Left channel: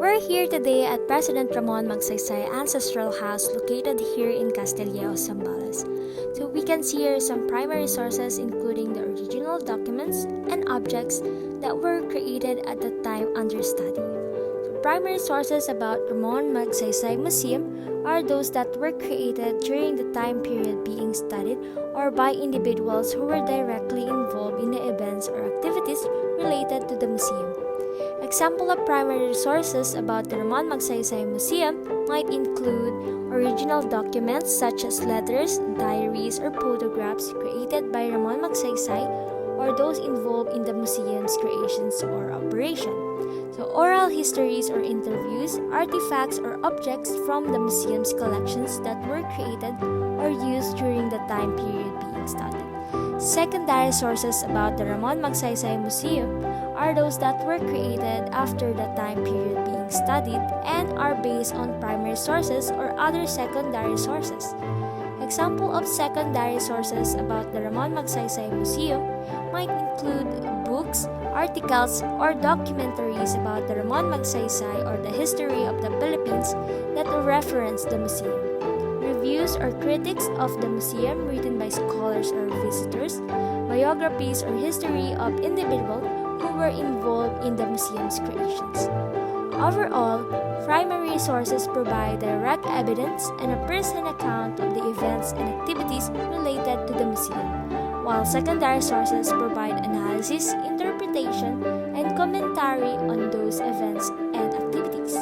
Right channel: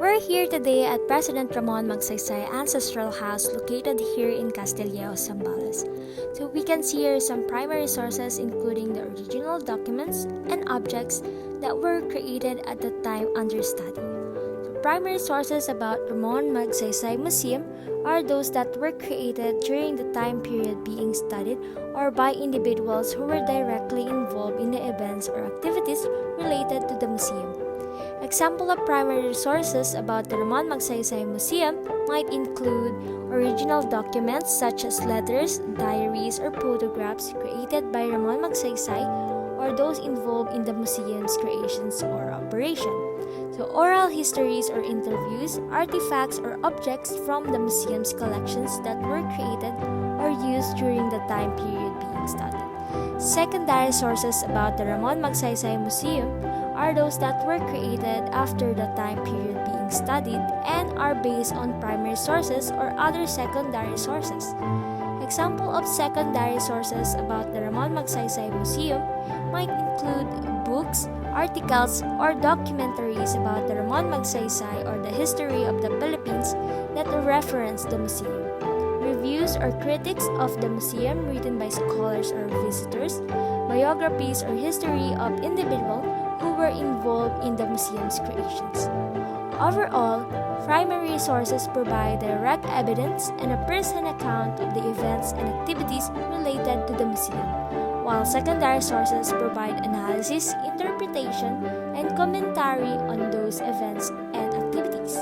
We're here today at President Ramon Magsaysay Ancestral House located here in Castillejos, Zambales. So we can see here some primary sources including the original documents and objects that were created at the time under study. So primary sources about Ramon Magsaysay Museum are those that were created during the time period being studied or by individuals who were directly involved in the events or activities related to the museum. Example of primary sources about the Ramon Magsaysay Museum might include original documents such as letters, diaries, or photographs created by Ramon Magsaysay or those involved in the museum's creations or operation. So oral histories or interviews, artifacts or objects from the museum's collections that were created or used during the time period being studied. Secondary sources about the Ramon Magsaysay Museum are those that were created after the time period being studied and are based on primary sources or other secondary sources. Example of secondary sources about the Ramon Magsaysay Museum might include books, articles, or documentaries about the Ramon Magsaysay or the history of the Philippines that reference the museum. Reviews or critics of the museum written by scholars or visitors, biographies or history of individuals who were involved in the museum's creations. Overall, primary sources provide direct evidence and a first-hand account of the events and activities related to the museum, while secondary sources provide analysis, interpretation, and commentary on those events and activities.